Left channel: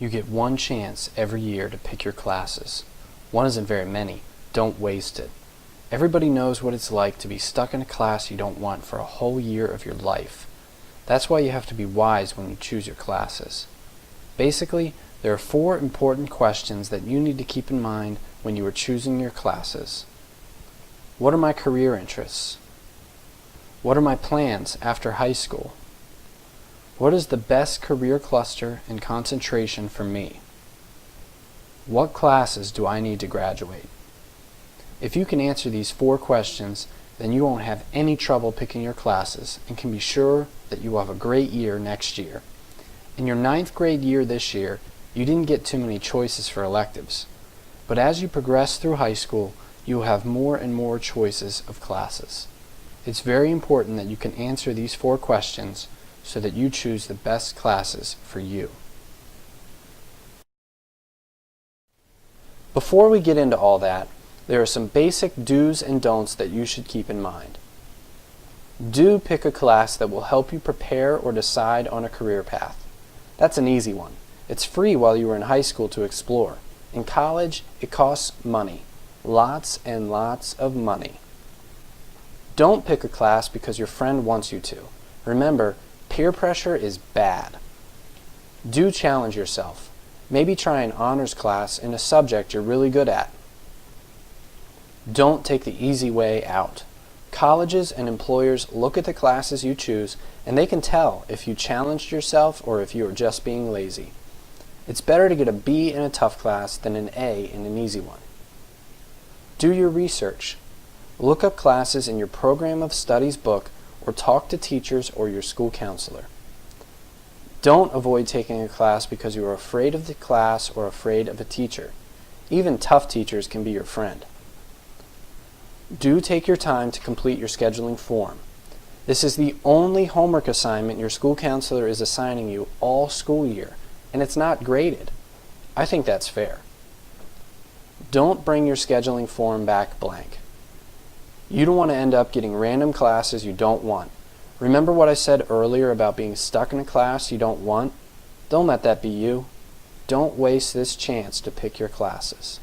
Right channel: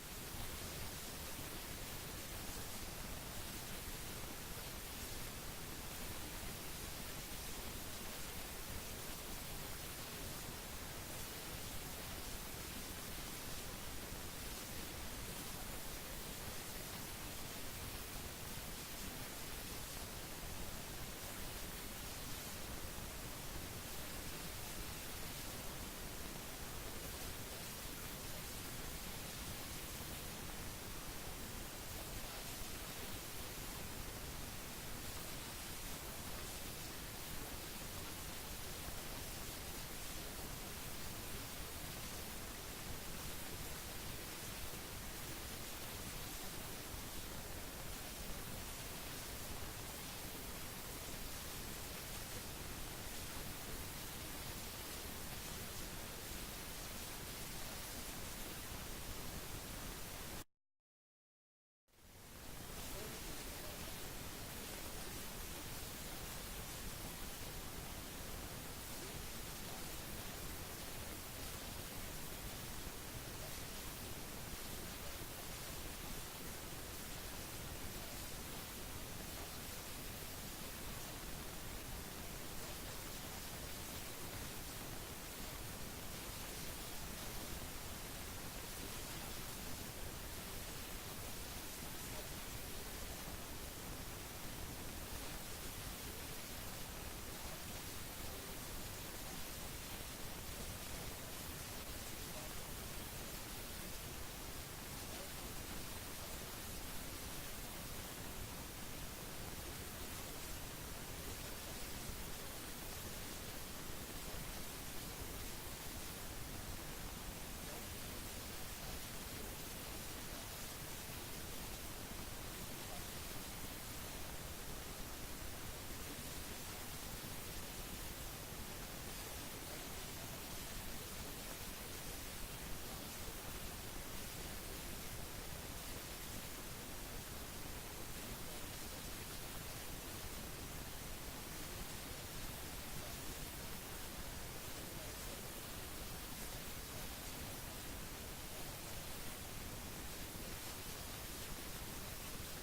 You get one chance every year to pick your classes. One isn't very many. Don't waste it. Everybody knows what it's like to be stuck in a class you don't want for a whole year of your life. That's why you have to be wise when you choose your classes. Basically, there are 4 important questions that you need to keep in mind when you are choosing your classes. What are my career interests? What are my plans after high school? What is the best career cluster and concentration for me? What classes do I need to graduate? If you can answer these 4 questions, then you won't have any trouble picking your classes and can be sure that you will have a great year next year. In your 9th grade year this year, you didn't get too many choices for electives. But as you progress through high school, you will have more and more choices of classes. It's very important that you can answer these 4 questions so that you choose the best classes for you. Before we get into all that, there are some basic do's and don'ts that you should keep in mind. Do pick a class that will help you prepare or decide on a career path. That's an easy one. It's free while you are in high school to explore. In college, it costs money. Lots and lots of money. Don't pick a class because your friend wants you to. Remember, peer pressure is bad. Do challenge yourself. Maybe try an honors class in a subject you're really good at. Don't take the easy way out. Colleges and employers look at the classes you choose and they can tell if you challenged yourself or if you are just being lazy. It's better to get a B in a tough class than an A in an easy one. Do your research. Look up classes in your program of studies book or talk to teachers or your school counselor. Don't avoid taking a class because you are afraid of the class or afraid of a teacher. Even tough teachers can be your friend. Do take your time to complete your scheduling form. This is the only homework assignment your school counselor is assigning you all school year, and it's not graded. I think that's fair. Don't bring your scheduling form back blank. You don't want to end up getting random classes you don't want. Remember what I said earlier about being stuck in a class you don't want? Don't let that be you. Don't waste this chance to pick your classes.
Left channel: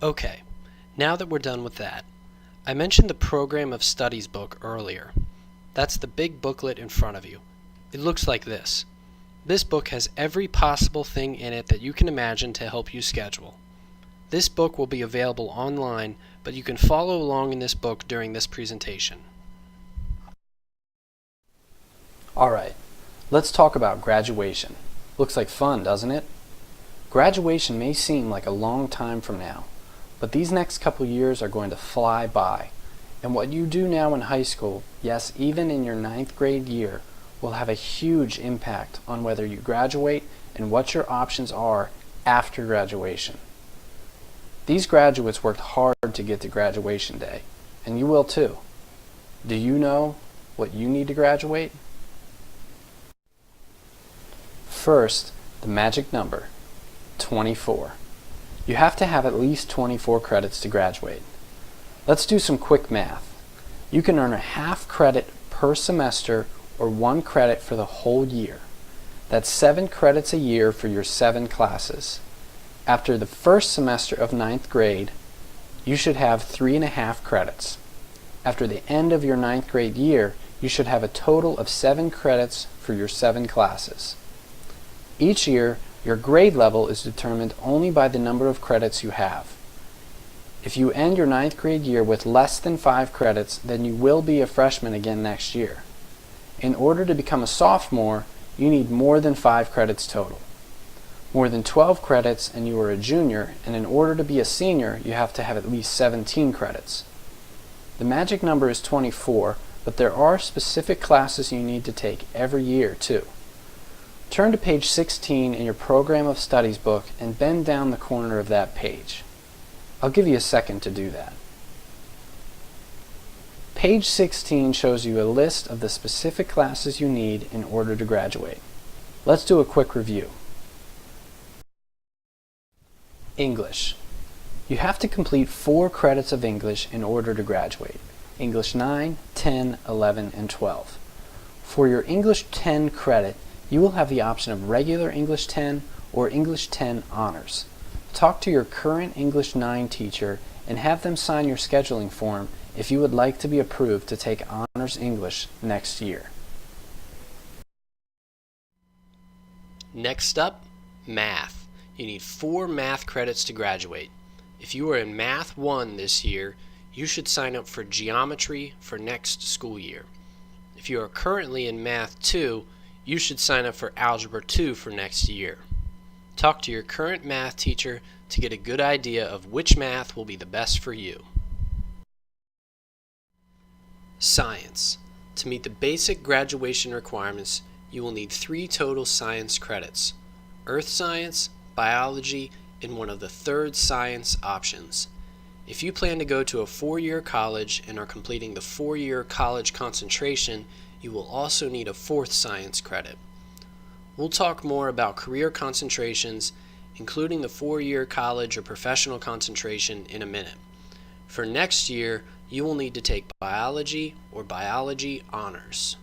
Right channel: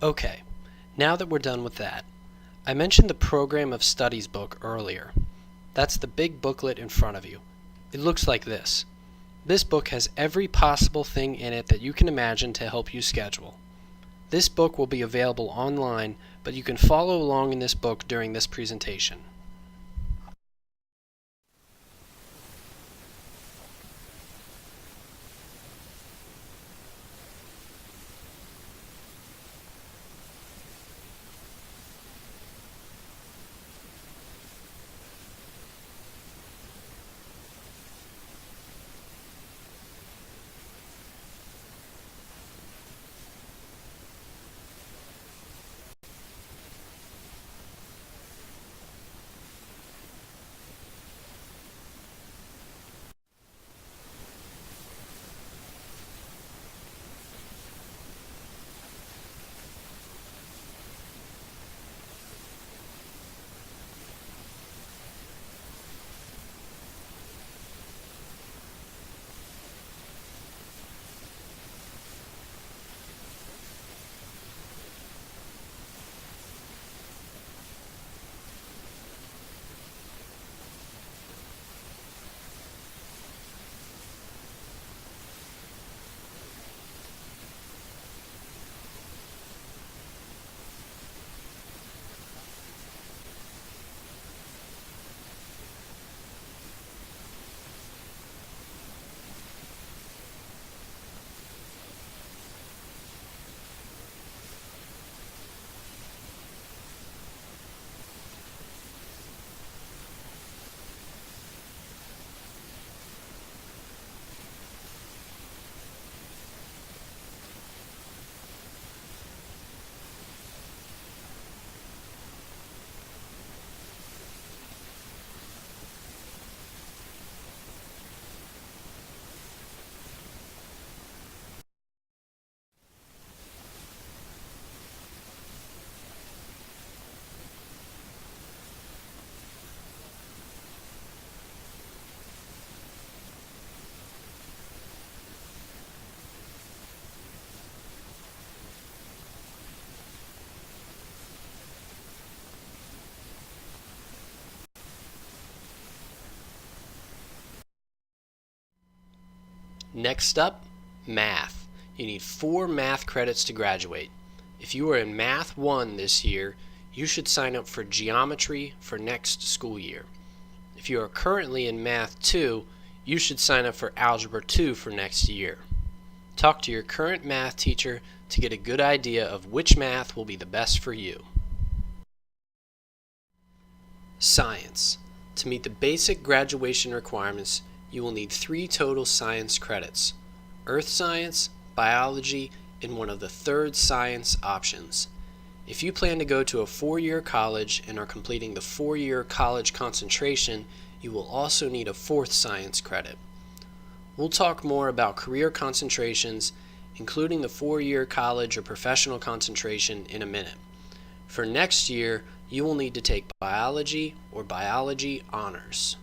Okay, now that we're done with that, I mentioned the Program of Studies book earlier. That's the big booklet in front of you. It looks like this. This book has every possible thing in it that you can imagine to help you schedule. This book will be available online, but you can follow along in this book during this presentation. Alright, let's talk about graduation. Looks like fun, doesn't it? Graduation may seem like a long time from now, but these next couple years are going to fly by. And what you do now in high school, yes, even in your 9th grade year, will have a huge impact on whether you graduate and what your options are after graduation. These graduates worked hard to get to graduation day, and you will too. Do you know what you need to graduate? First, the magic number, 24. You have to have at least 24 credits to graduate. Let's do some quick math. You can earn a half credit per semester or 1 credit for the whole year. That's 7 credits a year for your 7 classes. After the first semester of 9th grade, you should have 3.5 credits. After the end of your 9th grade year, you should have a total of 7 credits for your 7 classes. Each year, your grade level is determined only by the number of credits you have. If you end your 9th grade year with less than 5 credits, then you will be a freshman again next year. In order to become a sophomore, you need more than 5 credits total. More than 12 credits and you are a junior, and in order to be a senior, you have to have at least 17 credits. The magic number is 24, but there are specific classes you need to take every year too. Turn to page 16 in your Program of Studies book and bend down the corner of that page. I'll give you a second to do that. Page 16 shows you a list of the specific classes you need in order to graduate. Let's do a quick review. English. You have to complete 4 credits of English in order to graduate. English 9, 10, 11, and 12. For your English 10 credit, You will have the option of regular English 10 or English 10 honors. Talk to your current English 9 teacher and have them sign your scheduling form if you would like to be approved to take Honors English next year. Next up, math. You need 4 math credits to graduate. If you are in Math 1 this year, you should sign up for geometry for next school year. If you are currently in Math 2, you should sign up for Algebra 2 for next year. Talk to your current math teacher to get a good idea of which math will be the best for you. Science. To meet the basic graduation requirements, you will need 3 total science credits: Earth Science, Biology, and one of the 3rd science options. If you plan to go to a 4-year college and are completing the 4-year college concentration, you will also need a 4th science credit. We'll talk more about career concentrations, including the 4-year college or professional concentration, in a minute. For next year, you will need to take biology or biology honors.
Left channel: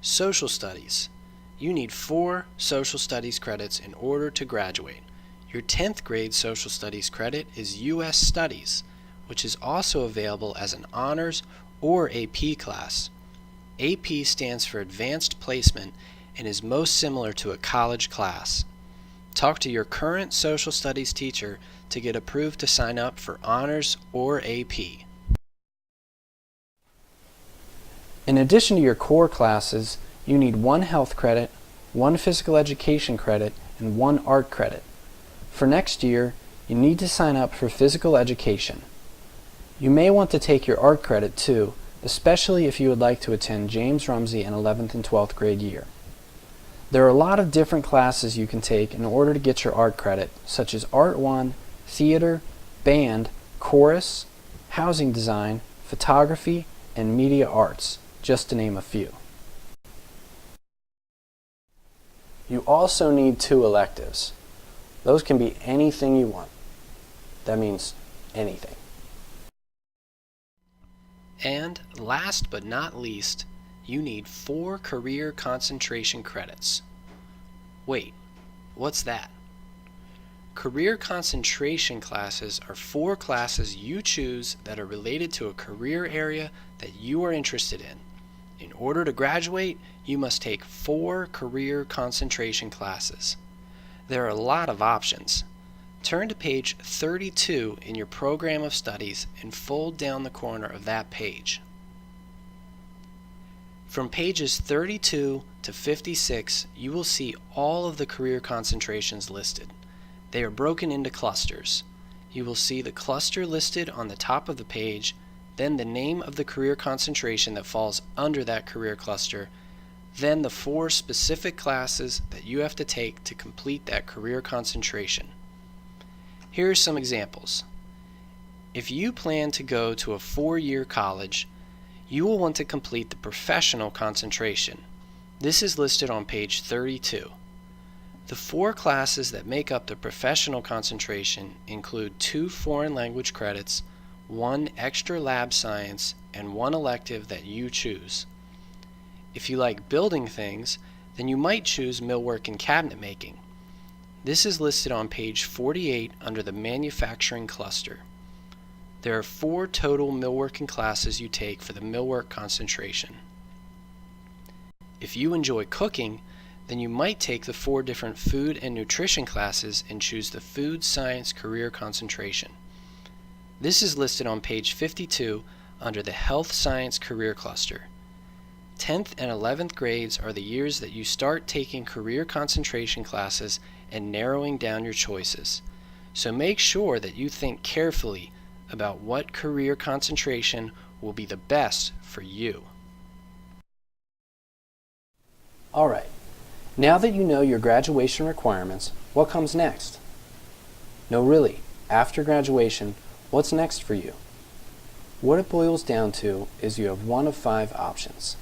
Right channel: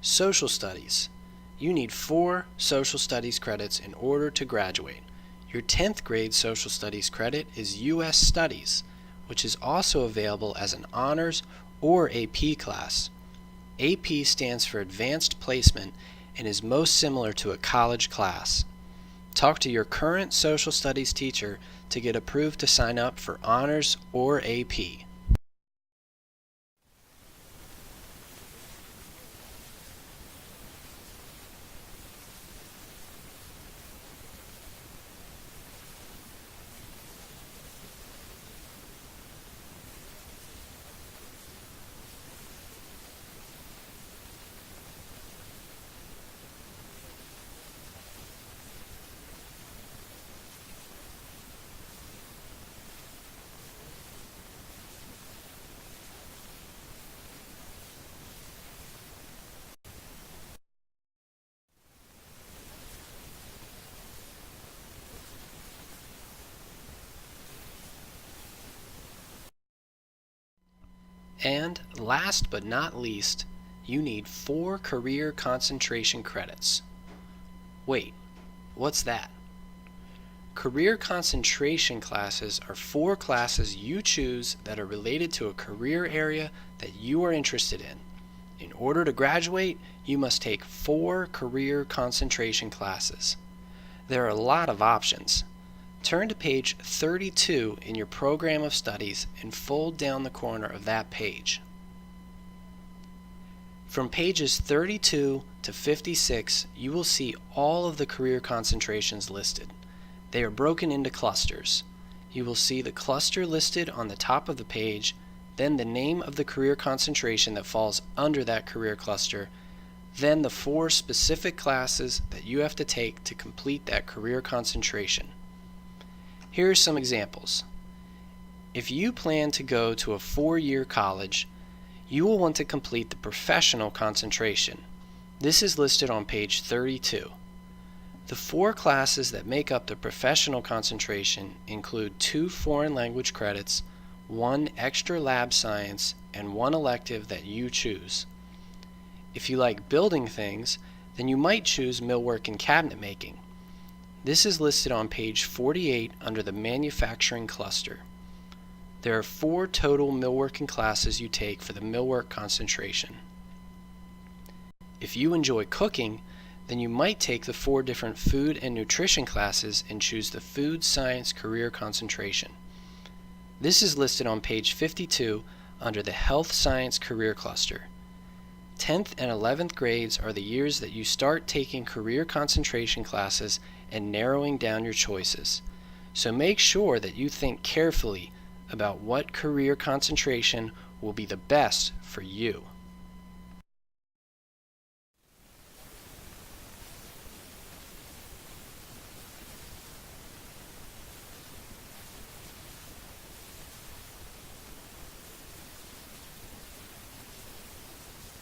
Social studies. You need 4 social studies credits in order to graduate. Your 10th grade social studies credit is U.S. Studies, which is also available as an honors or AP class. AP stands for Advanced Placement and is most similar to a college class. Talk to your current social studies teacher to get approved to sign up for honors or AP. In addition to your core classes, you need 1 health credit, 1 physical education credit, and 1 art credit. For next year, you need to sign up for physical education. You may want to take your art credit too, especially if you would like to attend James Rumsey in 11th and 12th grade year. There are a lot of different classes you can take in order to get your art credit, such as Art 1, Theater, Band, Chorus, Housing Design, Photography, and Media Arts, just to name a few. You also need 2 electives. Those can be anything you want. That means anything. And last but not least, you need 4 career concentration credits. Wait, what's that? Career concentration classes are 4 classes you choose that are related to a career area that you are interested in. In order to graduate, you must take 4 career concentration classes. There are a lot of options. Turn to page 32 in your program of studies and fold down the corner of that page. From pages 32 to 56, you will see all of the career concentrations listed. They are broken into clusters. You will see the cluster listed on the top of the page, then the name of the career concentration that falls under that career cluster, then the 4 specific classes that you have to take to complete that career concentration. Here are some examples. If you plan to go to a 4-year college, you will want to complete the professional concentration. This is listed on page 32. The 4 classes that make up the professional concentration include 2 foreign language credits, 1 extra lab science, and 1 elective that you choose. If you like building things, then you might choose millwork and cabinet making. This is listed on page 48 under the manufacturing cluster. There are 4 total millworking classes you take for the millwork concentration. If you enjoy cooking, then you might take the 4 different food and nutrition classes and choose the food science career concentration. This is listed on page 52 under the health science career cluster. 10th and 11th grades are the years that you start taking career concentration classes and narrowing down your choices. So make sure that you think carefully about what career concentration will be the best for you. Alright, now that you know your graduation requirements, what comes next? No, really, after graduation, what's next for you? What it boils down to is you have one of 5 options.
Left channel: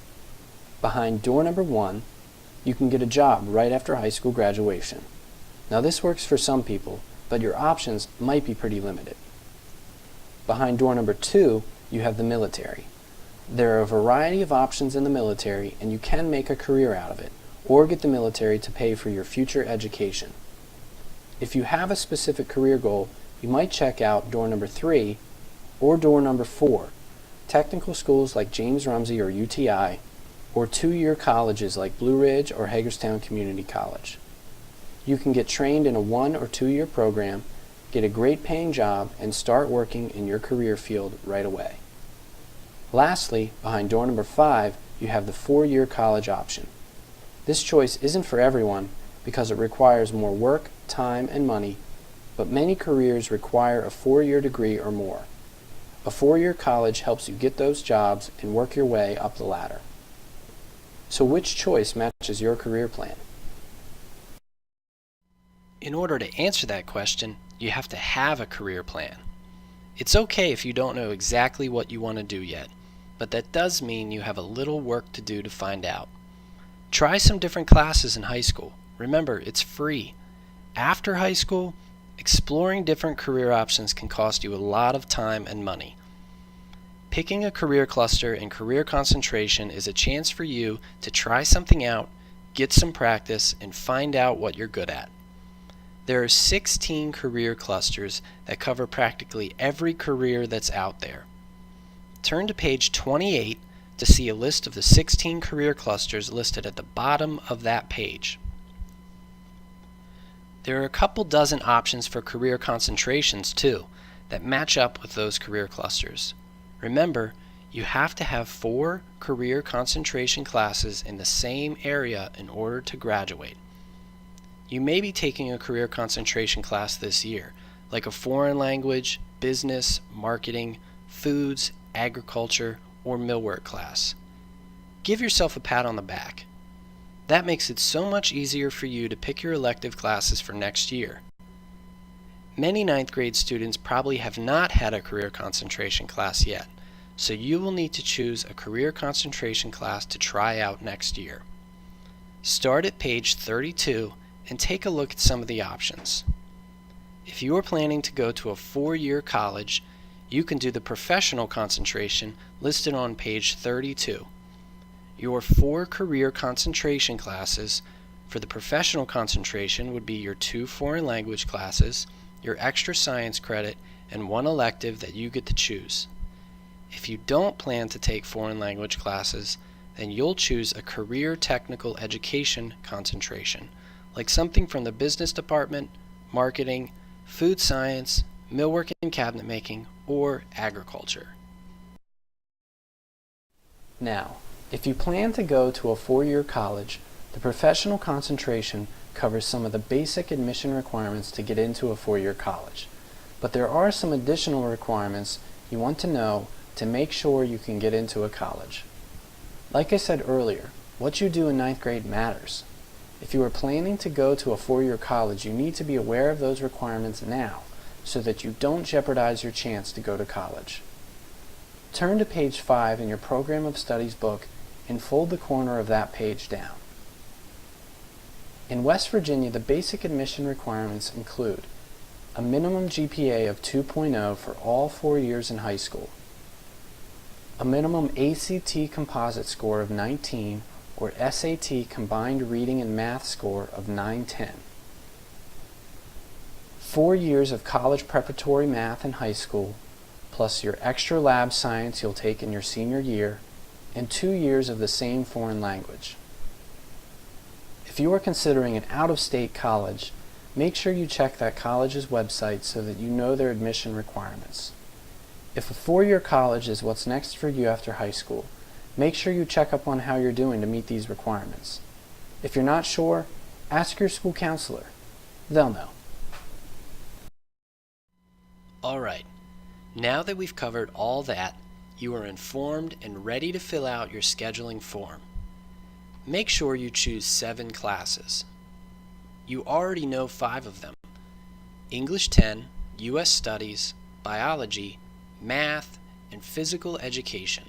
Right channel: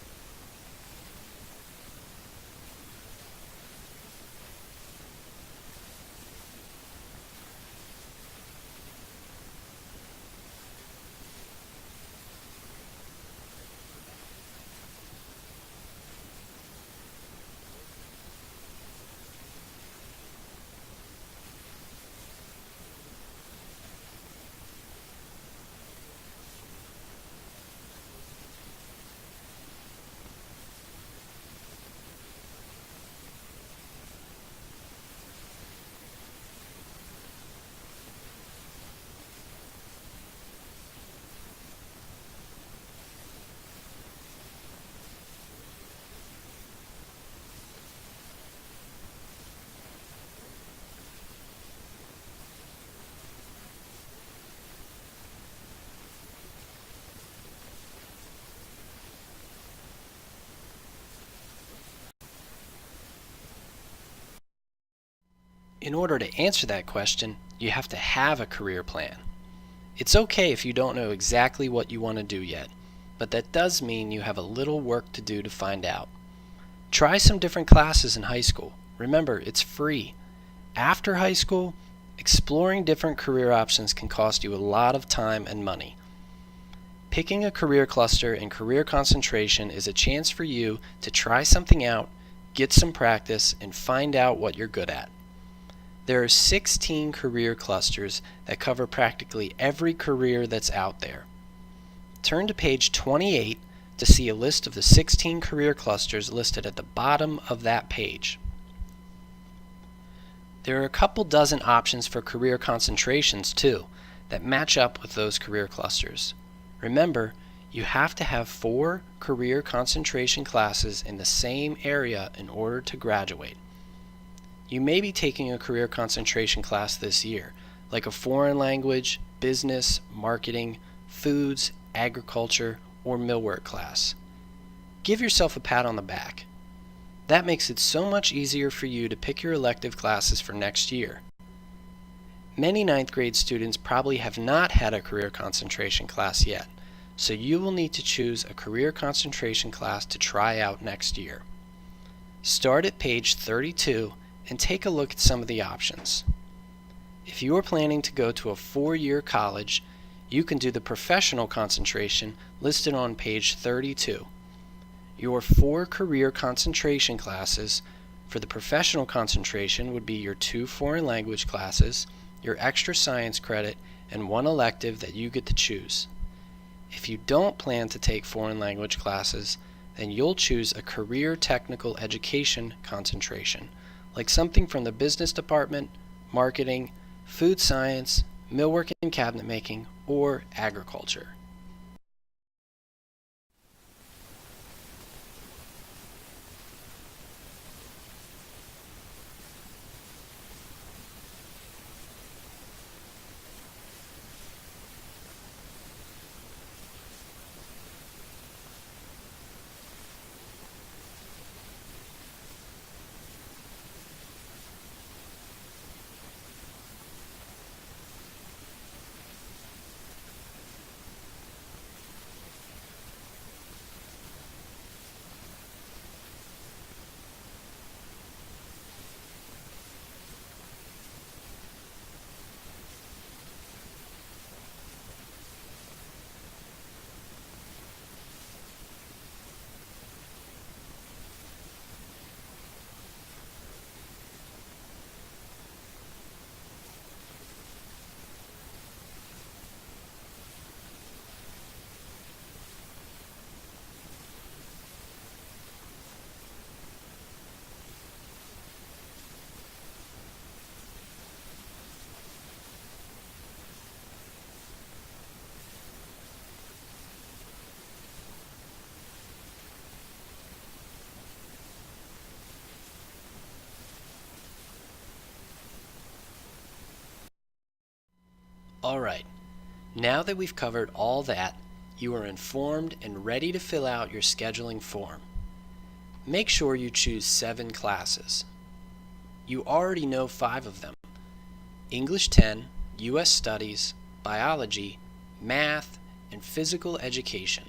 Behind door number 1, you can get a job right after high school graduation. Now this works for some people, but your options might be pretty limited. Behind door number 2, you have the military. There are a variety of options in the military, and you can make a career out of it, or get the military to pay for your future education. If you have a specific career goal, you might check out door number 3 or door number 4, technical schools like James Rumsey or UTI, or 2-year colleges like Blue Ridge or Hagerstown Community College. You can get trained in a 1 or 2-year program, get a great paying job, and start working in your career field right away. Lastly, behind door number 5, you have the 4-year college option. This choice isn't for everyone because it requires more work, time, and money, but many careers require a 4-year degree or more. A 4-year college helps you get those jobs and work your way up the ladder. So which choice matches your career plan? In order to answer that question, you have to have a career plan. It's okay if you don't know exactly what you want to do yet, but that does mean you have a little work to do to find out. Try some different classes in high school. Remember, it's free. After high school, exploring different career options can cost you a lot of time and money. Picking a career cluster and career concentration is a chance for you to try something out, get some practice, and find out what you're good at. There are 16 career clusters that cover practically every career that's out there. Turn to page 28 to see a list of the 16 career clusters listed at the bottom of that page. There are a couple dozen options for career concentrations too that match up with those career clusters. Remember, you have to have 4 career concentration classes in the same area in order to graduate. You may be taking a career concentration class this year, like a foreign language, business, marketing, foods, agriculture, or millwork class. Give yourself a pat on the back. That makes it so much easier for you to pick your elective classes for next year. Many 9th grade students probably have not had a career concentration class yet, so you will need to choose a career concentration class to try out next year. Start at page 32 and take a look at some of the options. If you are planning to go to a 4-year college, you can do the professional concentration listed on page 32. Your 4 career concentration classes for the professional concentration would be your 2 foreign language classes, your extra science credit, and 1 elective that you get to choose. If you don't plan to take foreign language classes, then you'll choose a career technical education concentration, like something from the business department, marketing, food science, millwork and cabinet making, or agriculture. Now, if you plan to go to a 4-year college, the professional concentration covers some of the basic admission requirements to get into a 4-year college. But there are some additional requirements you want to know to make sure you can get into a college. Like I said earlier, what you do in 9th grade matters. If you are planning to go to a 4-year college, you need to be aware of those requirements now so that you don't jeopardize your chance to go to college. Turn to page 5 in your Program of Studies book and fold the corner of that page down. In West Virginia, the basic admission requirements include a minimum GPA of 2.0 for all 4 years in high school, a minimum ACT composite score of 19 or SAT combined reading and math score of 910, 4 years of college preparatory math in high school, plus your extra lab science you'll take in your senior year, and 2 years of the same foreign language. If you are considering an out-of-state college, make sure you check that college's website so that you know their admission requirements. If a 4-year college is what's next for you after high school, make sure you check up on how you're doing to meet these requirements. If you're not sure, ask your school counselor. They'll know. Alright, now that we've covered all that, you are informed and ready to fill out your scheduling form. Make sure you choose 7 classes. You already know 5 of them: English 10, U.S. Studies, Biology, Math, and Physical Education.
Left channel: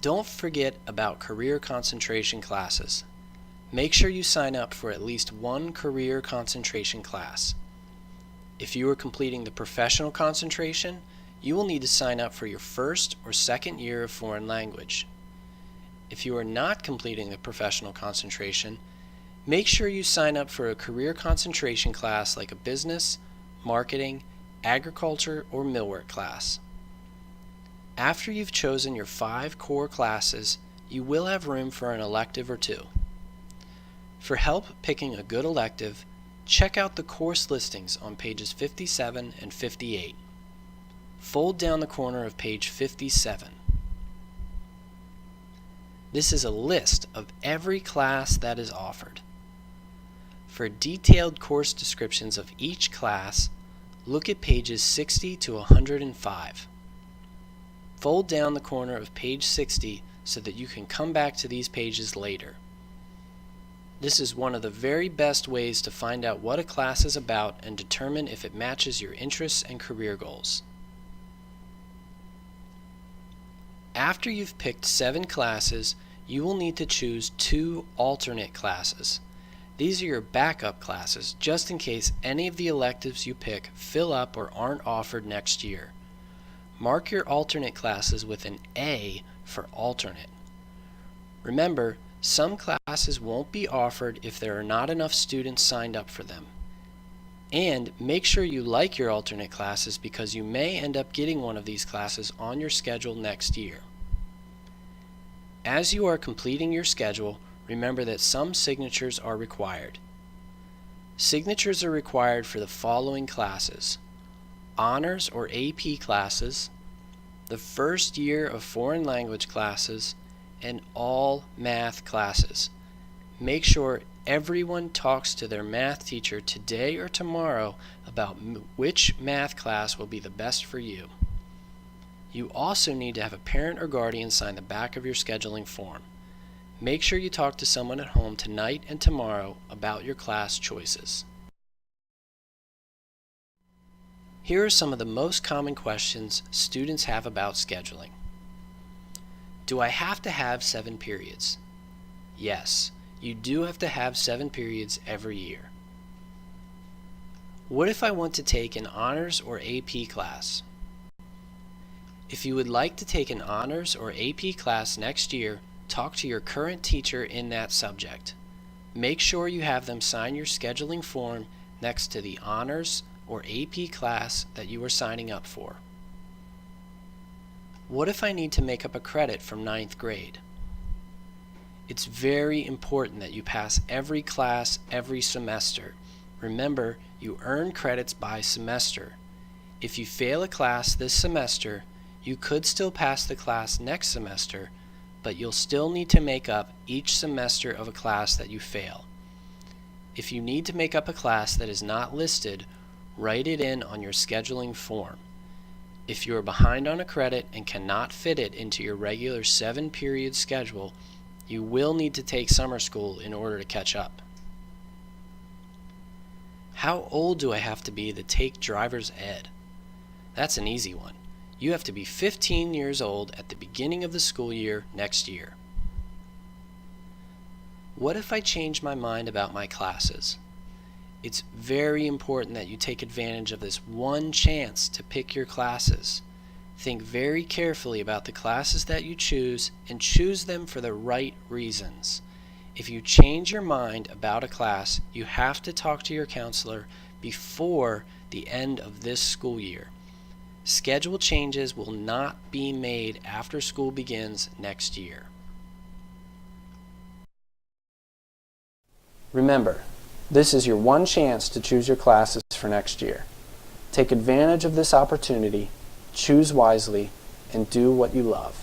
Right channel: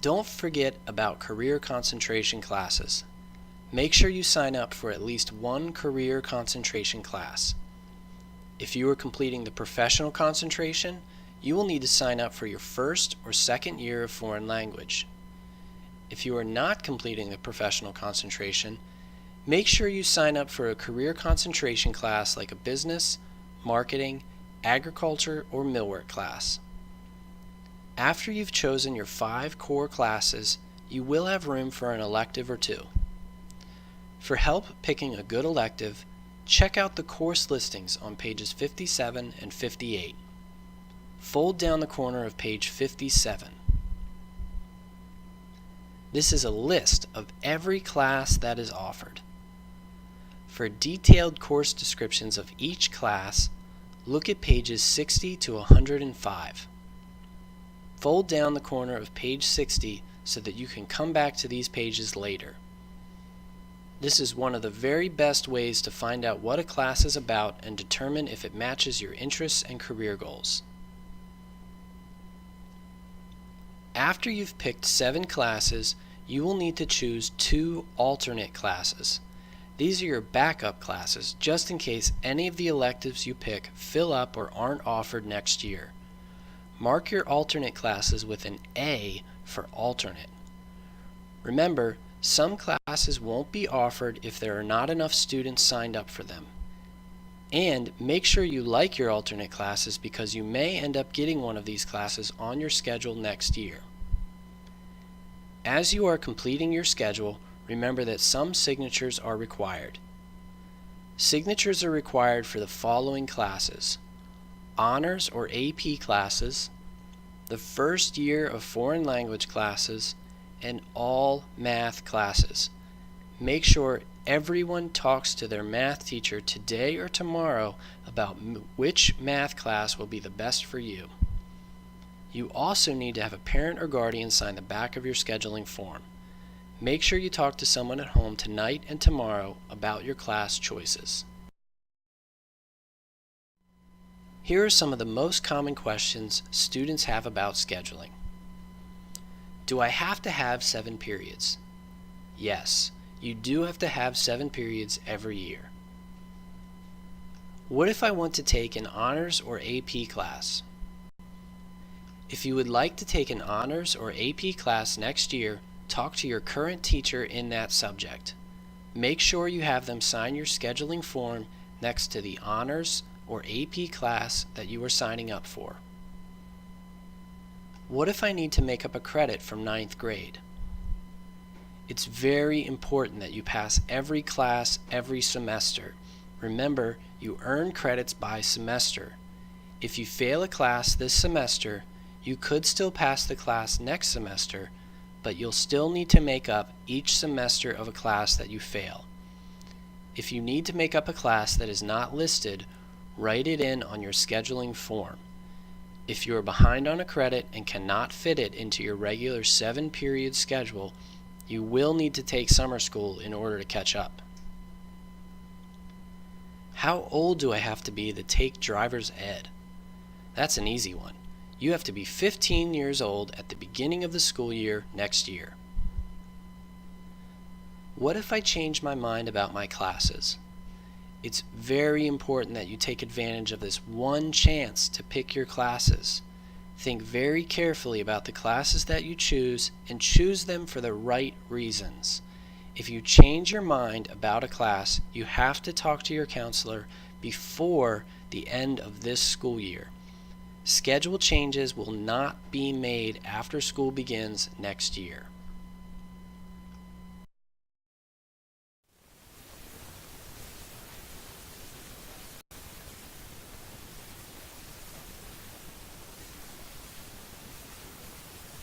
Don't forget about career concentration classes. Make sure you sign up for at least 1 career concentration class. If you are completing the professional concentration, you will need to sign up for your first or second year of foreign language. If you are not completing the professional concentration, make sure you sign up for a career concentration class like a business, marketing, agriculture, or millwork class. After you've chosen your 5 core classes, you will have room for an elective or 2. For help picking a good elective, check out the course listings on pages 57 and 58. Fold down the corner of page 57. This is a list of every class that is offered. For detailed course descriptions of each class, look at pages 60 to 105. Fold down the corner of page 60 so that you can come back to these pages later. This is one of the very best ways to find out what a class is about and determine if it matches your interests and career goals. After you've picked 7 classes, you will need to choose 2 alternate classes. These are your backup classes, just in case any of the electives you pick fill up or aren't offered next year. Mark your alternate classes with an A for alternate. Remember, some classes won't be offered if there are not enough students signed up for them. And make sure you like your alternate classes because you may end up getting one of these classes on your schedule next year. As you are completing your schedule, remember that some signatures are required. Signatures are required for the following classes: honors or AP classes, the first year of foreign language classes, and all math classes. Make sure everyone talks to their math teacher today or tomorrow about which math class will be the best for you. You also need to have a parent or guardian sign the back of your scheduling form. Make sure you talk to someone at home tonight and tomorrow about your class choices. Here are some of the most common questions students have about scheduling. Do I have to have 7 periods? Yes, you do have to have 7 periods every year. What if I want to take an honors or AP class? If you would like to take an honors or AP class next year, talk to your current teacher in that subject. Make sure you have them sign your scheduling form next to the honors or AP class that you are signing up for. What if I need to make up a credit from 9th grade? It's very important that you pass every class every semester. Remember, you earn credits by semester. If you fail a class this semester, you could still pass the class next semester, but you'll still need to make up each semester of a class that you fail. If you need to make up a class that is not listed, write it in on your scheduling form. If you are behind on a credit and cannot fit it into your regular 7-period schedule, you will need to take summer school in order to catch up. How old do I have to be to take driver's ed? That's an easy one. You have to be 15 years old at the beginning of the school year next year. What if I change my mind about my classes? It's very important that you take advantage of this one chance to pick your classes. Think very carefully about the classes that you choose and choose them for the right reasons. If you change your mind about a class, you have to talk to your counselor before the end of this school year. Schedule changes will not be made after school begins next year. Remember, this is your one chance to choose your classes for next year. Take advantage of this opportunity, choose wisely, and do what you love.